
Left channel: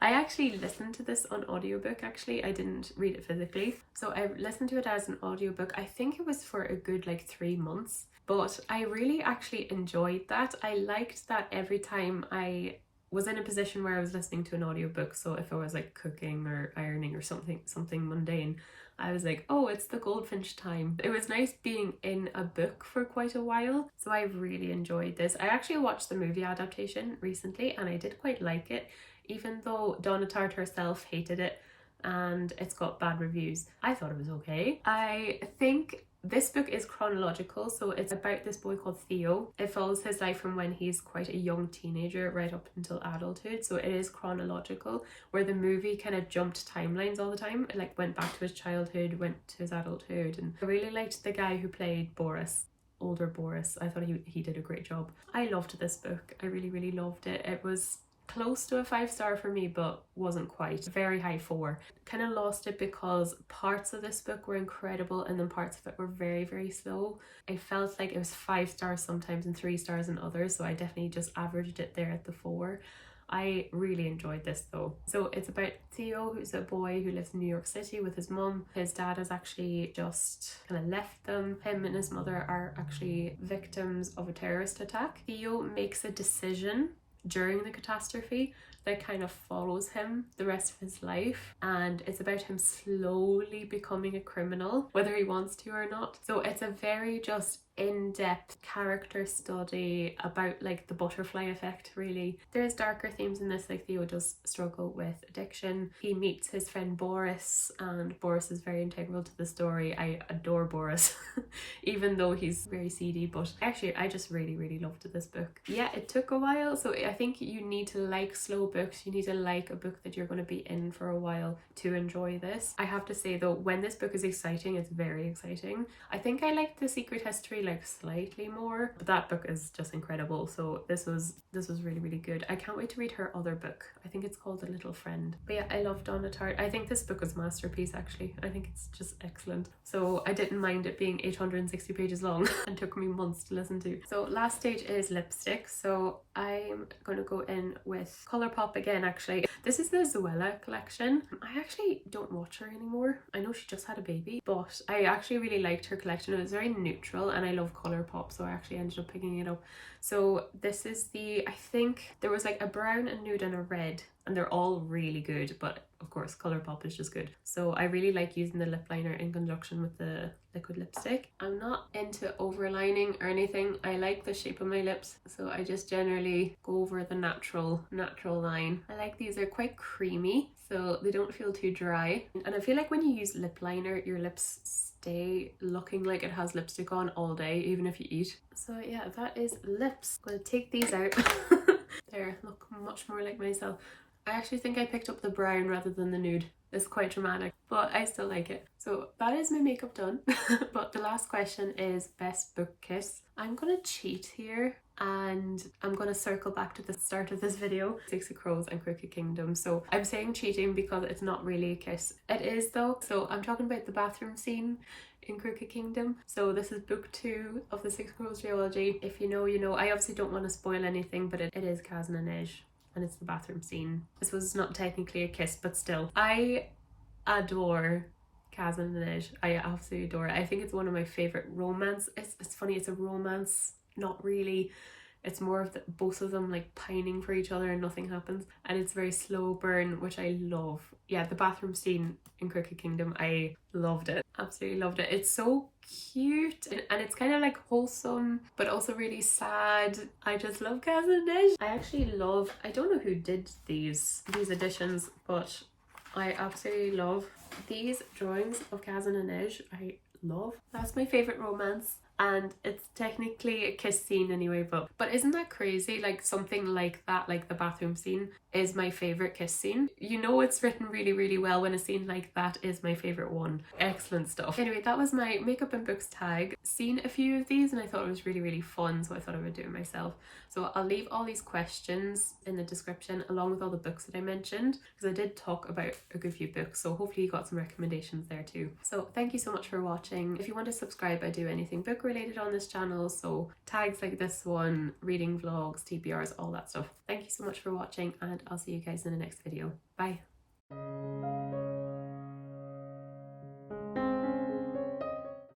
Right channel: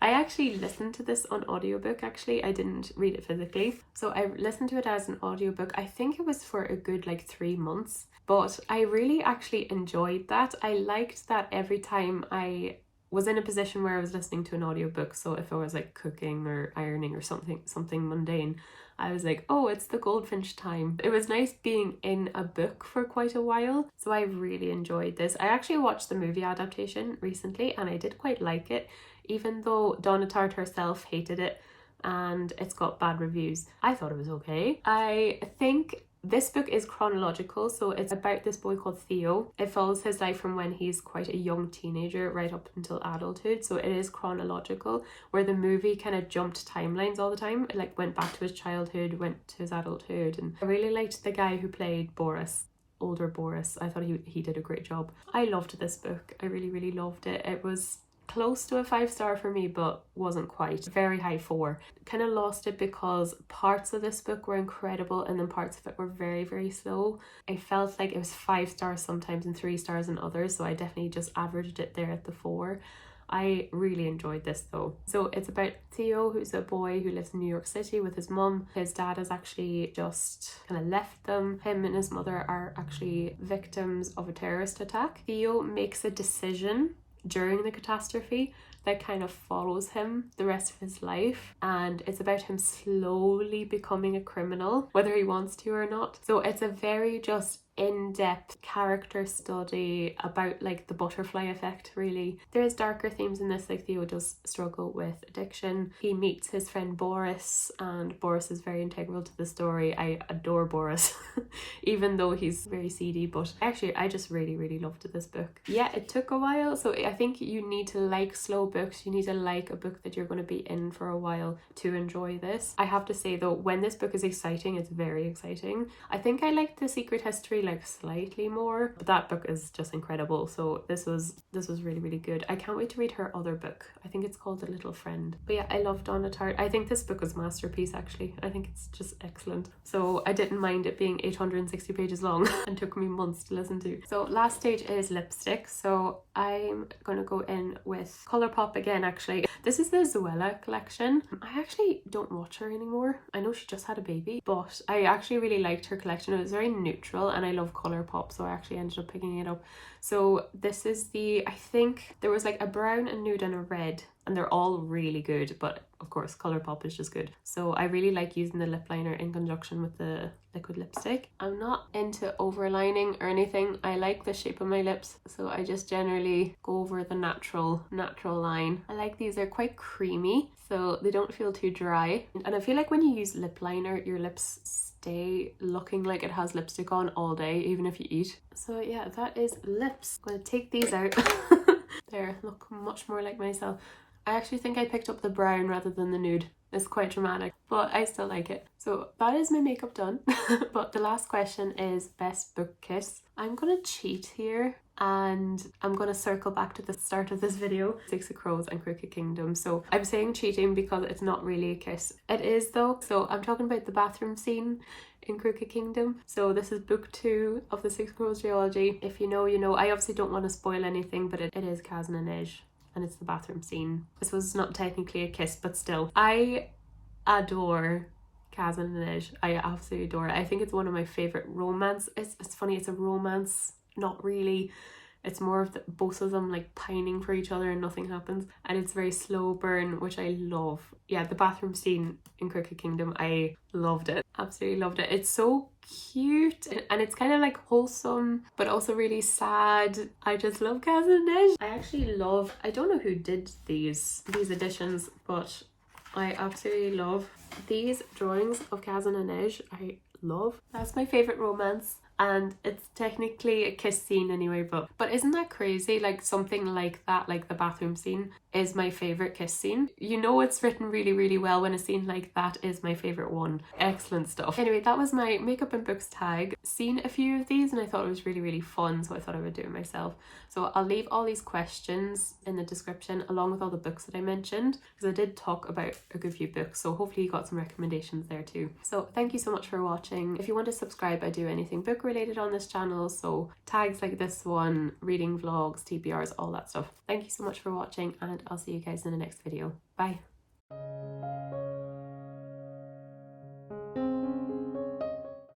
I actually listened to this on audiobook actually. I didn't read it physically. So I listened to it as an audiobook. I think it was for a good like 3 months. But I really actually enjoyed that. I liked that every time I was in a position where I was listening to an audiobook. So if I was like cooking or ironing or something mundane, I was like, oh, it's the Goldfinch time. It was nice being in a book for quite a while. So I really enjoyed this. I actually watched the movie adaptation recently and I did quite like it, even though Donna Tartt herself hated it and it's got bad reviews. I thought it was okay. I think this book is chronological, so it's about this boy called Theo. It follows his life from when he's quite a young teenager right up until adulthood, so it is chronological, where the movie kind of jumped timelines all the time. It like went back to his childhood, went to his adulthood, and I really liked the guy who played Boris, older Boris. I thought he did a great job. I loved this book. I really loved it. It was close to a 5-star for me, but wasn't quite. Very high 4. Kind of lost it because parts of this book were incredible and then parts of it were very slow. I felt like it was 5 stars sometimes and 3 stars in others, so I definitely just averaged it there at the 4. I really enjoyed this though. So it's about Theo, who's a boy who lives in New York City with his mum. His dad has actually just kind of left them. Him and his mother are actually victims of a terrorist attack. Theo makes a decision during the catastrophe that kind of follows him the rest of his life, and it's about him slowly becoming a criminal, whether he wants to or not. So it's a very just in-depth character study about like the butterfly effect, really. There's darker themes in this, like Theo does struggle with addiction. He meets his friend Boris, and Boris is very integral to the story. I adore Boris even though he's very seedy, but actually I just really loved this book. Yeah, it took a while, so I think you need to like slow books. You need to like a book that you're going to be in for a while to enjoy this. I have to say though, when this book is exciting, it's very exciting. I think I liked The Secret History like slightly more, but that book is just incredible. So this was really good. I can't wait to read her other book. I think it's called The Little Friend. But yeah, I love Donna Tartt. I think this book was a masterpiece actually. I think it's just excellent. So I didn't mind it being 860 pages long and took me months to listen to. So last stage is lipstick. So I'm gonna go in with Colourpop again actually. This is the Zoella collection. I actually don't watch her anymore. I know she just had a baby, but I actually really liked her collection. It was very neutral and I love Colourpop, so I actually ended up picking it up. So this is the, I think there was like a brown, a nude and a red, and they're all really good, but of course Colourpop is just good. So I really like using the lip liner in conjunction with the liquid lipstick. I'm not into overlining or anything. I like the shape of my lips, so I just generally go over the natural line. I like these, they're quite creamy, so they don't feel too dry. And I feel like when you use lip liner, your lips stay looking like it has lipstick on all day, even if you eat. So yeah, that is lips. I'm gonna take these out. There, look much more like myself. I actually think I picked up the brown rather than the nude. It's quite dramatic, but I still like it. So that is my makeup done. But the last question is best book kiss. I'm gonna cheat here and I'm gonna circle back to the start of this video. Six of Crows and Crooked Kingdom. So I'm saying cheating because it's not really a kiss. It is though. So I'm talking about the bathroom scene in Crooked Kingdom. So this is book 2 of the Six Crows trilogy. If you know, you know. I obviously don't want to spoil anything, but it is Kaz and Inej, and it's the bathroom scene. This was not technically a kiss, but still. I adore Kaz and Inej. I absolutely adore it. I think it's one of my favourite romance. It's funny, it's a romance, not really. It's more of both of them like pining for each other and nothing happens. And it's very slow burn, which I love. Yeah, the bathroom scene in Crooked Kingdom, I loved it. Absolutely loved it. It's so cute and it's kind of like wholesome but also really sad. I just love Kaz and Eilish. I actually love, I don't know who did these editions, but I absolutely love these drawings of Kaz and Eilish. I love. That's my favorite romance, and it's technically a kiss scene anyway, but isn't that crazy? Like something like that, like the bathroom scene, is my favorite kiss scene. You know it's written really, really well when a scene like that is my favorite one. Excellent stuff. Anyway, that was my makeup and books tag. Seen a few of these and I thought it was really, really fun, so I thought I would do it myself. So I'll leave all these questions in the description along with all the books that I mentioned, because I did talk about a good few books, so hopefully you got some recommendations there too. So thank you so much for watching. If you want to subscribe, I do anything book related on this channel, so tags like this one, reading vlogs, TBRs, all that stuff. Thank you so much for watching, and I'll see you guys in the next video. Bye.